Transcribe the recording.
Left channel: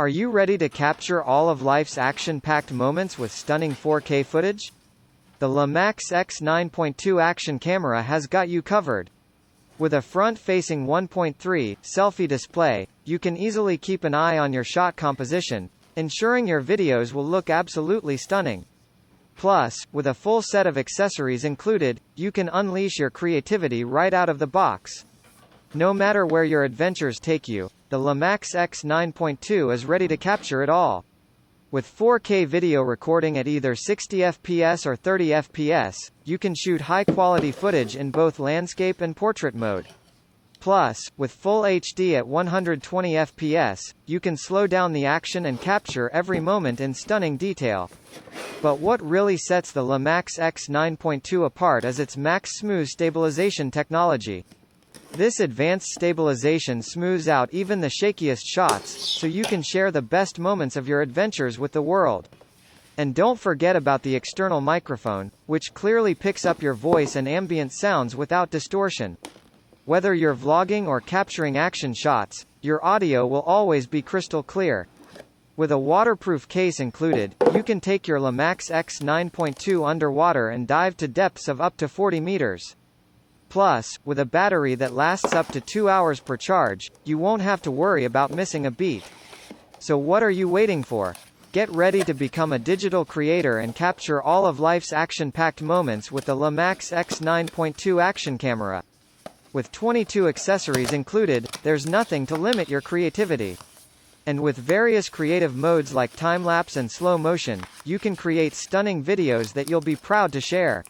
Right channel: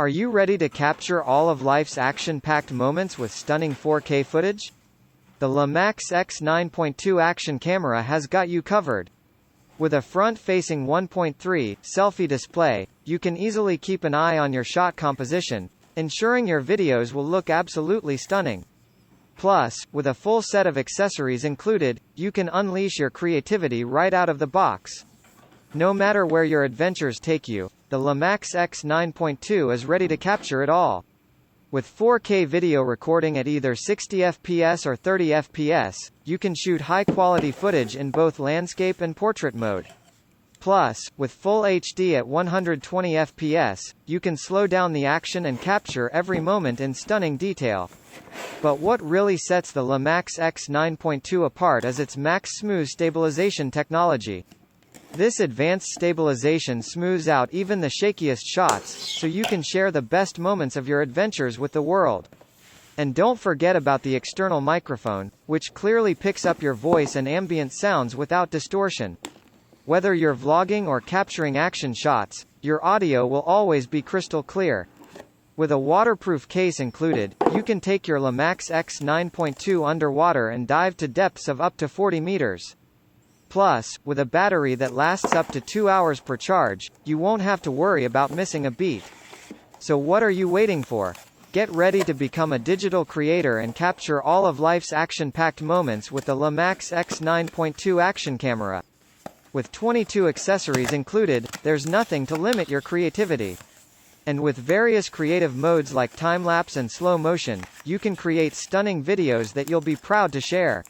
Are you ready to capture all of life's action-packed moments with stunning 4K footage? The LAMAX X9.2 action camera has got you covered. With a front-facing 1.3 selfie display, you can easily keep an eye on your shot composition, ensuring your videos will look absolutely stunning. Plus, with a full set of accessories included, you can unleash your creativity right out of the box. No matter where your adventures take you, the LAMAX X9.2 is ready to capture it all. With 4K video recording at either 60 FPS or 30 FPS, you can shoot high-quality footage in both landscape and portrait mode. Plus, with Full HD at 120 FPS, you can slow down the action and capture every moment in stunning detail. But what really sets the LAMAX X9.2 apart is its Max Smooth stabilization technology. This advanced stabilization smooths out even the shakiest shots, so you can share the best moments of your adventures with the world. And don't forget about the external microphone, which clearly picks up your voice and ambient sounds without distortion. Whether you're vlogging or capturing action shots, your audio will always be crystal clear. With a waterproof case included, you can take your LAMAX X9.2 underwater and dive to depths of up to 40 meters. Plus, with a battery that lasts up to 2 hours per charge, you won't have to worry about missing a beat. So what are you waiting for? Get ready to become a digital creator and capture all of life's action-packed moments with the LAMAX X9.2 action camera. With 22 accessories included, there's nothing to limit your creativity. And with various creative modes like time-lapse and slow motion, you can create stunning videos that you'll be proud to share.